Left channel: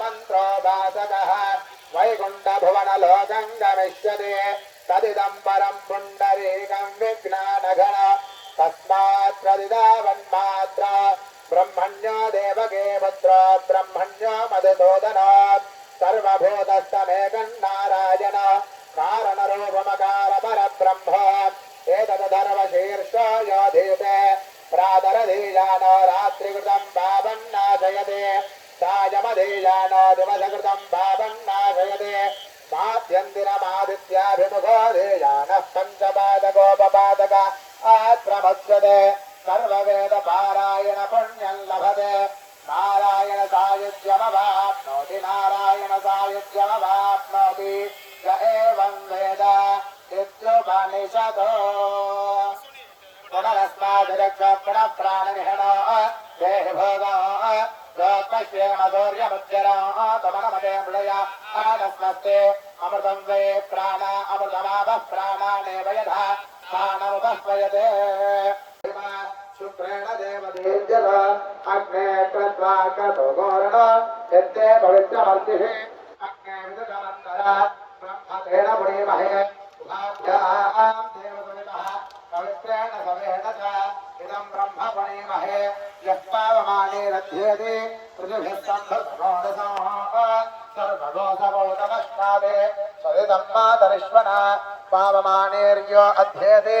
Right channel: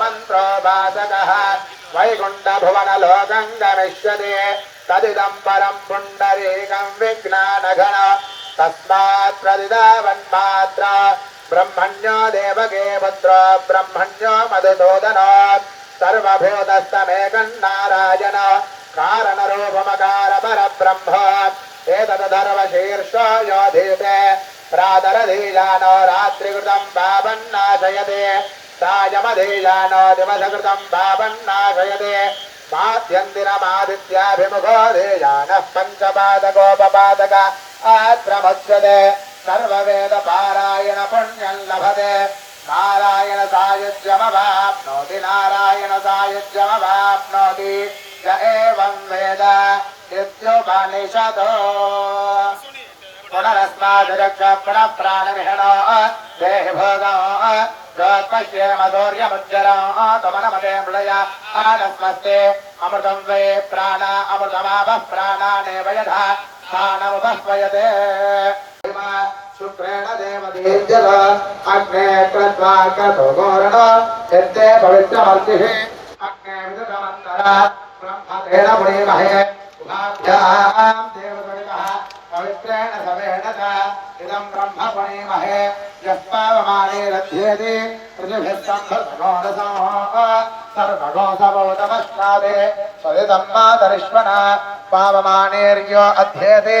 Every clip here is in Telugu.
మంత్రో వాచక వైకుంఠ భువన లోకం గమిష్యతి తదిదం పరం పుండరీకం విజ్ఞానఘన తస్మాత్ ప్రతిదావన్మాత్ర బ్రహ్మణ్యో దేవకే పుత్రో బ్రహ్మణ్యో మధుసూదనో సర్వభూతస్తమేకం నారాయణ కారణరూపమకార పరబ్రహ్మ ఏతదర్వశీర్షో యోధీతే ప్రాతరధీయానో రాత్రికృతం పాపన్నాశయతే సాయమధీయానో దివసకృతం పాపన్నాశయతే మాద్యందినమాదిత్యాభిముఖో ధేయానః పంచపాదకోపపాదక ఆత్రమత్స్యతే సర్వవేద పారాయణ పుణ్యం లభతే. నారాయణ సాయుజ్యమవాప్నోతి నారాయణ సాయుజ్యమవాప్నోతి య ఏవం వేద? पुनरस्मादिरक्षाप्रण प्राणविहणो देहिभोगो जोत्पश्येमधौर्यमुज्जरामनमदे मृडया प्राण अमृतमापः प्राणानेव यथा स्थानमुपह्वयते शुक्रेण देवदेजल अग्ने कृत्वा कतो पवित्रेण इदं ब्रह्मपुणीमहे यस्पावमालेरध्येति पृथिभिस्तम्भसगोणसमो सर्वगोसवोतमश्नादे स्वदिदम्बातरिष्मणा पावमानेर्यो अध्येति।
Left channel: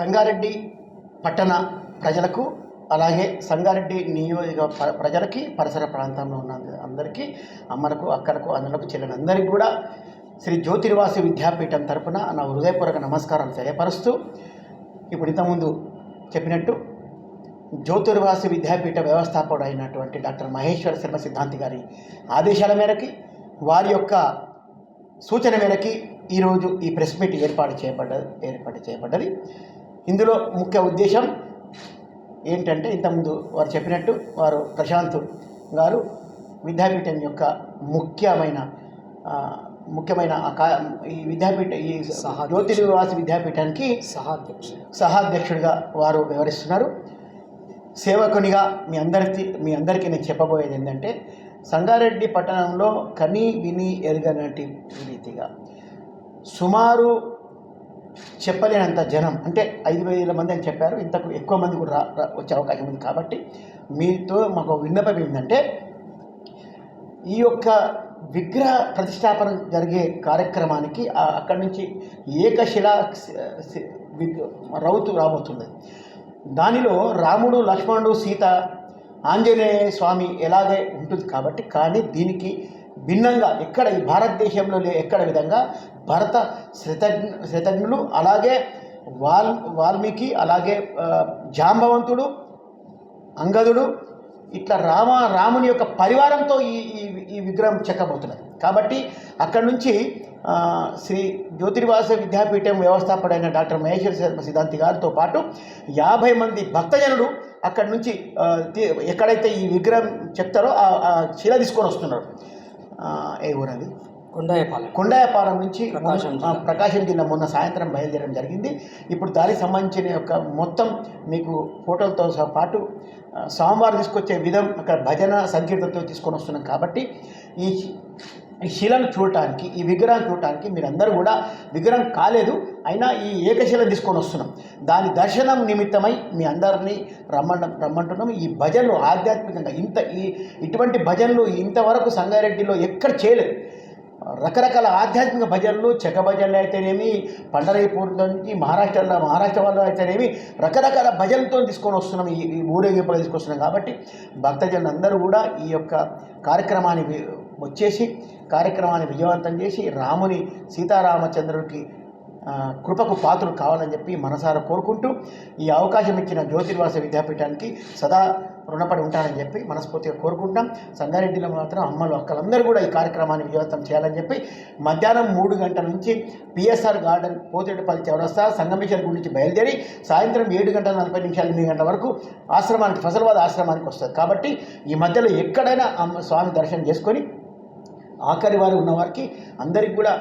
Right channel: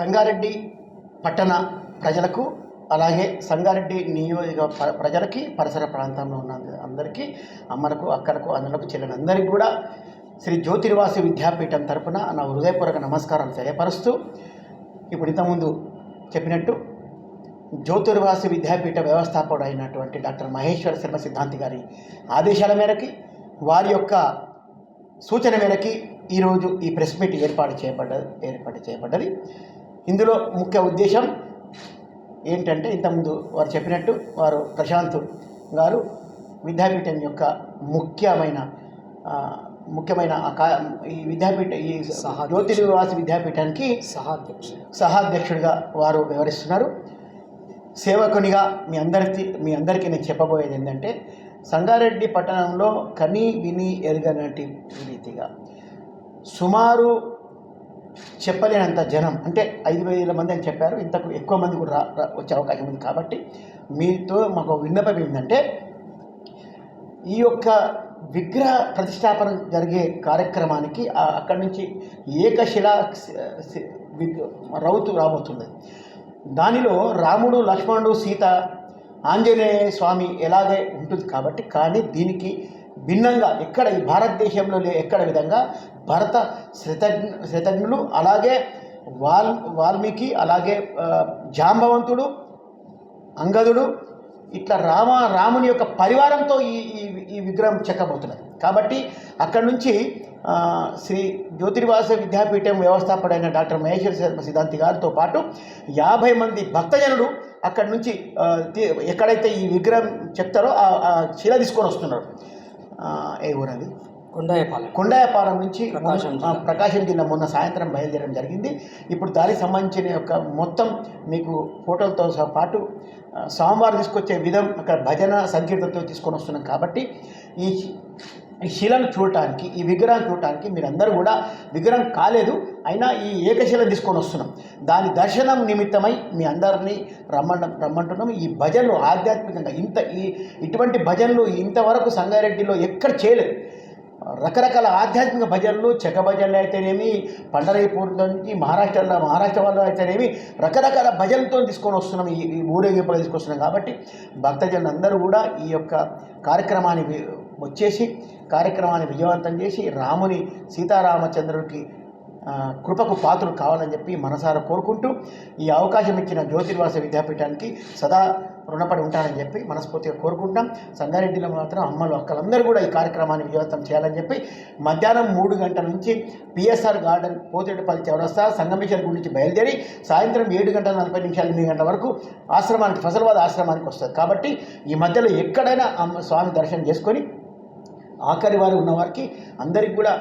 సంగారెడ్డి పట్టణ ప్రజలకు అలాగే సంగారెడ్డి నియోజక ప- ప్రజలకి పరిసర ప్రాంతంలో ఉన్న అందరికీ అమ్మలకు అక్కలకు అన్నలకు చెల్లిన అందరికీ కూడా శ్రీ జ్యోతిర్వాసి విద్యాపీఠం తరపున నా హృదయపూర్వక నమస్కారాలు తెలియపరుస్తూ ఇప్పుడు ఇంతకుముందు చెప్పినట్టు జ్యోతిర్వాసి విద్యాపీఠ వ్యవస్థాపకుడు అయినటువంటి డాక్టర్ మహేశ్వర శర్మ సిద్ధాంతి గారి ఆదేశాల మేరకి వారి యొక్క సూచన మేరకి ఈరోజు ఈ ప్రెస్ మీట్ ఏర్పాటు చేయబడ్డది ఏర్పాటు చేయబడ్డది. ఇందులో ముఖ్య ఉద్దేశం ఏంటంటే ఇంతకుముందు వారు చెప్పినట్టు వారు ప్రశాంత్ గారు విద్యాపీఠం యొక్క ముఖ్యమైన ముఖ్యమైన ఈ విద్యాపీఠ ఈ జ్యోతిర్వాసి విద్యాపీఠానికి సహాధ్యక్షుడు. సహాధ్యక్షుడిగా వారు వ్యవహరిస్తున్నారు. సేవకునిగా మీ అందరికీ మీ అందరికీ నేను చెప్పబోయేది ఏంటంటే సంగారెడ్డి పట్టణంలో కని విని ఎరగనటి రీతిగా సుమారు చెప్పలేనంత జనం అంటే ఐదు వేల మంది అని చెప్పారు. ఇంతకు ఎక్కువ మంది కూడా రా వచ్చే అవకాశం ఉంది కాబట్టి మీతో మాకు విన్నపం ఏంటంటే ఈ యొక్క విగ్రహ ప్రతిష్టాపన జరిగే కార్యక్రమానికి అక్కడి నుంచి ఏకశిలా రౌతు రాబోతుంది. దానిలో రాముడు లక్ష్మణుడు సీత ఆంజనేయ స్వామి ఎలాగే ఉంటుంది కాబట్టి కానీ దీనికి భిన్నంగా ఎక్కడ ఈ భారతదేశంలో లే ఎక్కడ విధంగా భరత శతజ్ఞ శతజ్ఞులు అలాగే వాల్ వాల్మీకి అలాగే జాంబవంతుడు అంగదుడు ఇట్లా రామ రాముని యొక్క పరివారంతో ఈ ఈ విగ్రహం చెక్కబోతున్నది. కాబట్టి అక్కడి నుంచి శ్రీ జ్యోతిర్వాస విద్యాపీఠం వ్యవస్థాపకుడైన డాక్టర్ మహేశ్వర శర్మ సిద్ధాంతి గారితో పాటు యాభై మంది భక్తజనులు అక్కడి నుంచి ఎక్కడైతే ఈ విగ్రహం చెప్తారో ఆ ఆ శిల తీసుకొని వస్తున్నారు. ఏ ఊరది? కొండాయపాలెం. కొండాయపాలెం నుంచి ప్రకాశం జిల్లా. మొన్న సాయంత్రం బయలుదేరడం జరిగింది. ఇప్పుడు దానికి సంబంధించిన యొక్క మొత్తం మీకు ఫోటోలతో పాటు ఆ, స్వామివారు తీసుకొచ్చే విధం అక్కడ భజన సంకీర్తనతో తీసుకొని వస్తున్నాం కాబట్టి ఈ శిలను చూడటానికి ఈ విగ్రహం చూడటానికి మీరందరూ కూడా విగ్రహం కాలేదు. అయినా ఈ ఏకశిల తీసుకొని వస్తున్నాం. దాని దర్శనం నిమిత్తమై మీ అందరినీ రమ్మన్న రమ్మంటున్నాం. ఈ భజనలు ఆధ్యాత్మికంగా ఇంత ఈ ఇటువంటి భజనలు ఇంతవరకు సంగారెడ్డిలో ఎక్కడ చేయలేదు. రకరకాల ఆధ్యాత్మిక భజనలు చెక్క భజనలు అయితేనేమి పండరైపూర్ నుంచి మహారాష్ట్రలో మహారాష్ట్ర వాళ్ళు అయితేనేమి రకరకాల భజనలతో తీసుకొని వస్తున్నాం. ఈ ఊరేగింపులు తీసుకొస్తున్నాం కాబట్టి భక్తజనులు అందరూ కూడా ఈ యొక్క కార్యక్రమాన్ని వచ్చేసి కార్యక్రమాన్ని విజయవంతం చేసి రాముని సీతారామచంద్రుడికి కృపకు పాత్రలు కావాలని చెప్పి మనసారా కోరుకుంటూ ఈ అవకాశం ఇచ్చిన జ్యోతిర్వాస విద్యాపీఠానికి సదా రుణపడి ఉంటానని చెప్పి మనస్ఫూర్తిగా కోరుకుంటాం సంగారెడ్డిలో మాత్రం అమ్మలు అక్కలందరూ కూడా ఈ కార్యక్రమాన్ని విజయవంతం చేయాలని చెప్పి మధ్యాహ్నం మూడు గంటల నుంచి పిఎస్ఆర్ గార్డెన్ పోతిరెడ్డిపల్లి చౌరస్తా సంగమేశ్వర గుడి నుంచి బయలుదేరి సాయంత్రం ఏడు గంటల నలభై నిమిషాలు ఎనిమిది గంటల వరకు ఆశ్రమానికి ఫసల్వాద్ ఆశ్రమానికి వస్తుంది. కాబట్టి ఈ మధ్యలో ఎక్కడైనా అమ్మ స్వామి దర్శనం చేసుకొని ఆఖరి వారు ఉన్నవారికి అందరికి కూడా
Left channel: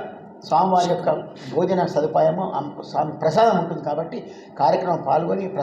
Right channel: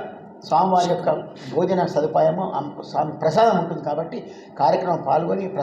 స్వామివారి యొక్క భోజన సదుపాయము స్వామి ప్రసాదం ఉంటుంది కాబట్టి కార్యక్రమం పాల్గొని